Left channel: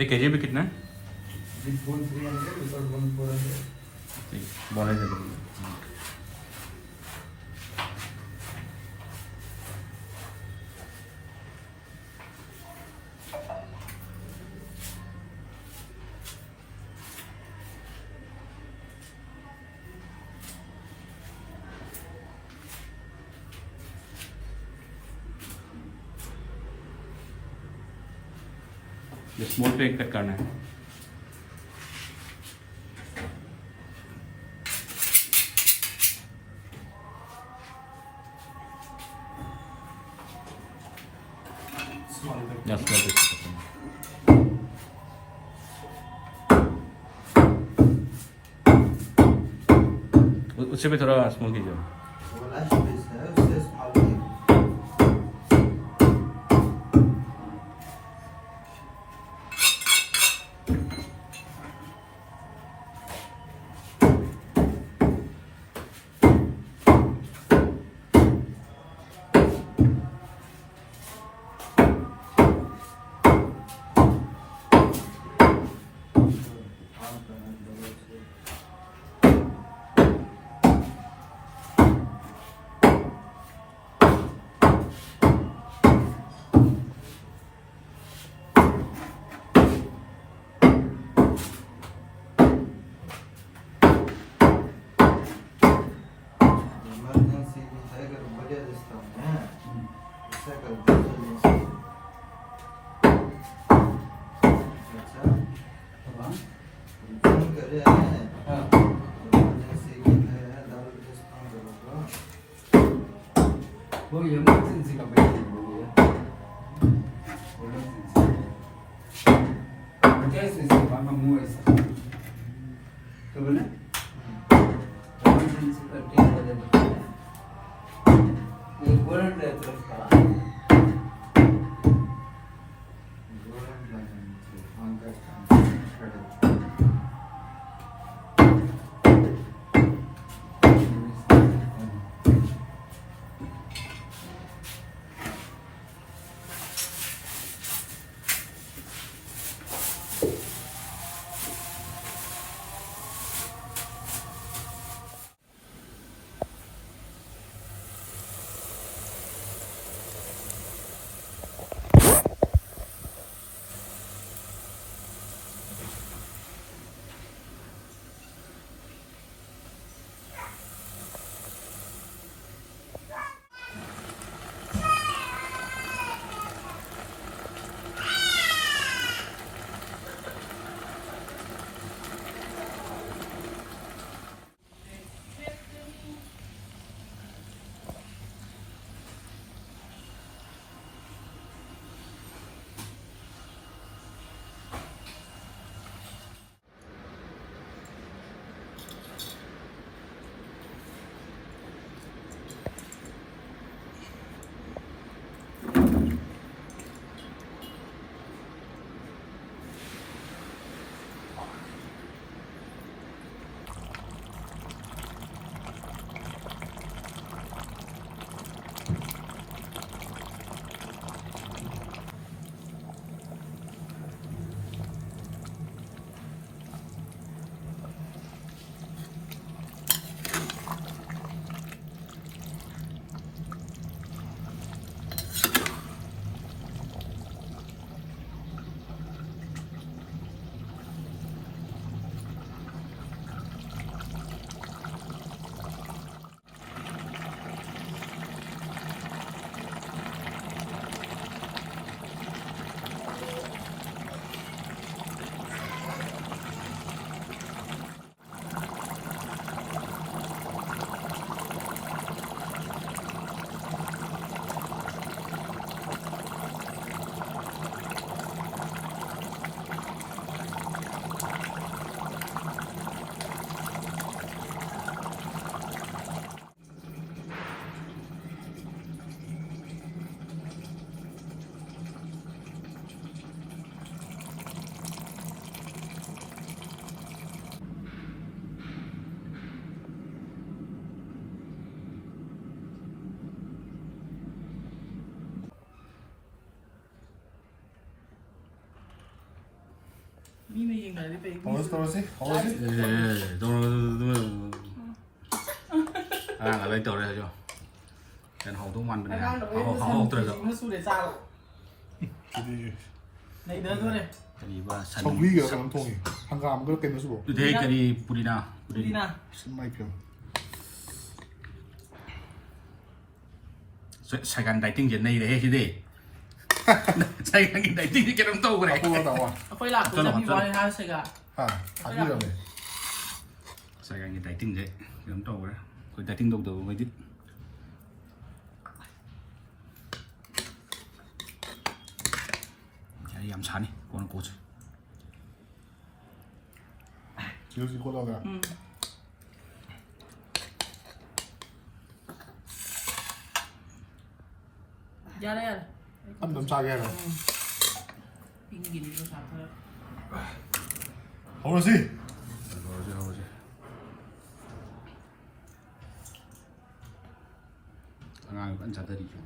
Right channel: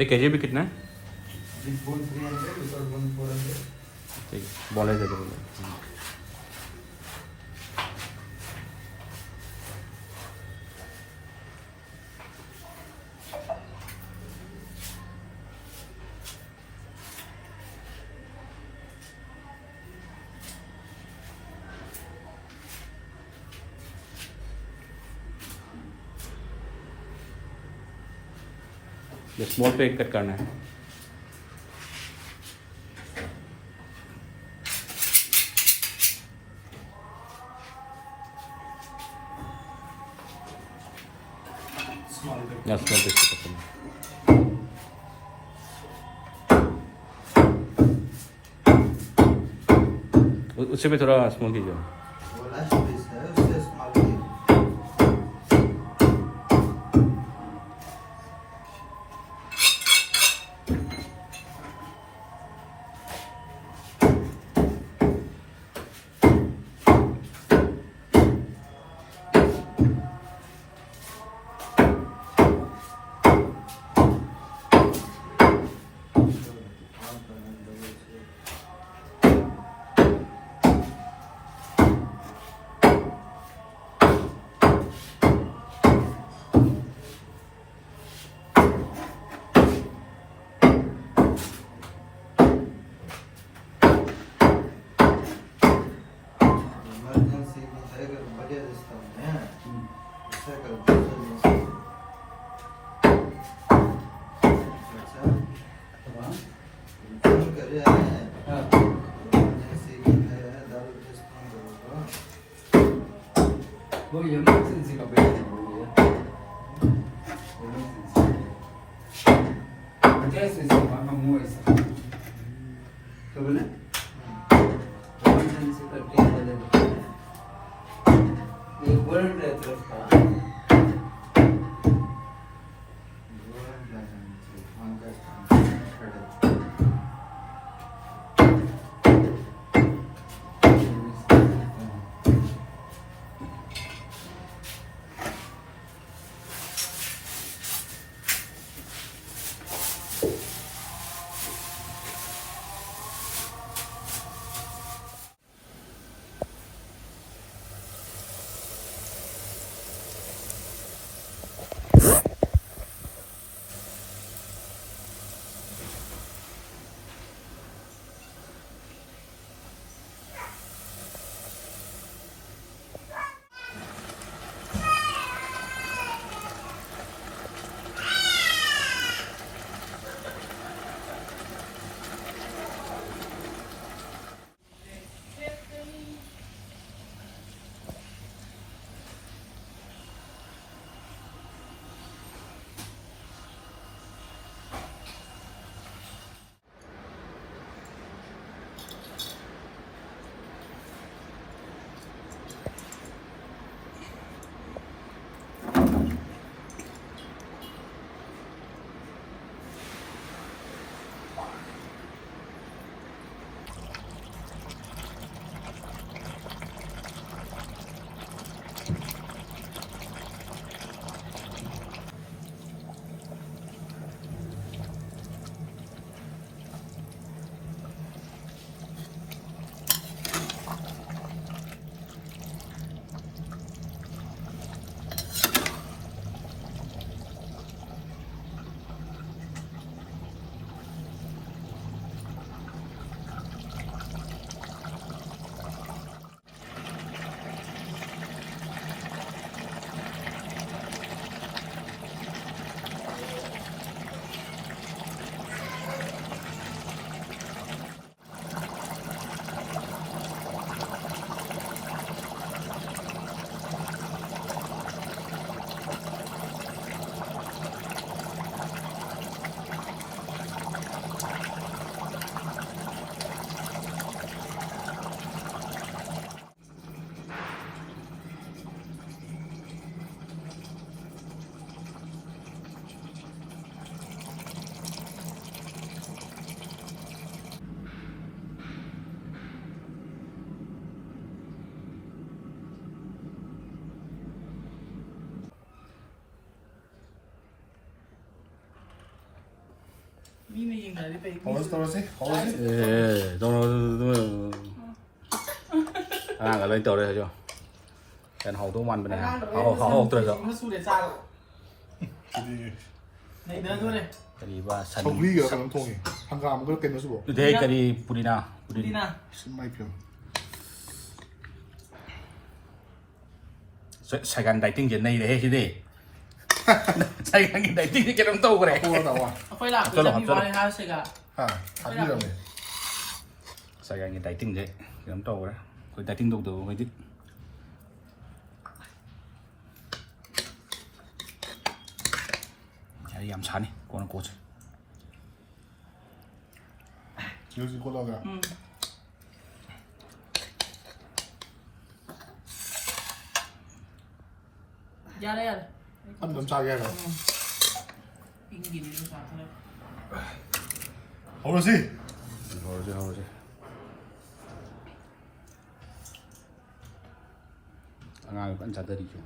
ये के जी भी कितना है? This bone 300, without bone 400. ठीक है, बॉल है दे दो। ये स्मॉल पे कट करना है। Small bit. या स्मॉल पे कट करना है। उससे भी थोड़ा स्मॉल कीजिए। वो last piece है, उससे small है. Emergency में है अगर बढ़िया रिश्ता है, ऐसा कर दो। अच्छा, फोन कर रहा है। emergency में है, दारू रिश्ता करो तो। वो इमरजेंसी का पेशेंट बोल दिया। जैसे से पापा मुंह ऐसे तो बोले इमरजेंसी का ठीक हो जाएगा। ये गोल्डन रे तरफ का हम कैसे นี่ไม่ยิงอะไรไป 떨어지 떨어지 떨어지 ต้องก็เลยตัวเลยจ้ะแกนหอทุกวันไปนะเขาตัวเดียว มันสู้เดี๋ยวจ้า 둘이 ในเดินด้วยเลย กะดีว่าสัน 정국이가 강통이 한가 안 그렇게 넣어서 뭐 เด็กกะดีปุรินา นี่นะ 신마이편 ใส่กันไดติ้งเย็นในเลยที่นี่ใส่กันไดติ้งที่แกต้องโตกันเลย 코가 나와 เอาไฟหลักคือที่บอยฮาสึกอ่ะ 아 밥이라네 ใส่กันไดติ้งเลยแกต้องโตนะคนไดติ้งโตตัวไม่ดิ้นยำชันนี่กูน่าโกรธ 지우지 코다가 ยาเลย 한점 짜게 해라 ยิงยิงดูสาวเลย 어르신 โอ้ยงานกันจัดได้ดีจ้ะ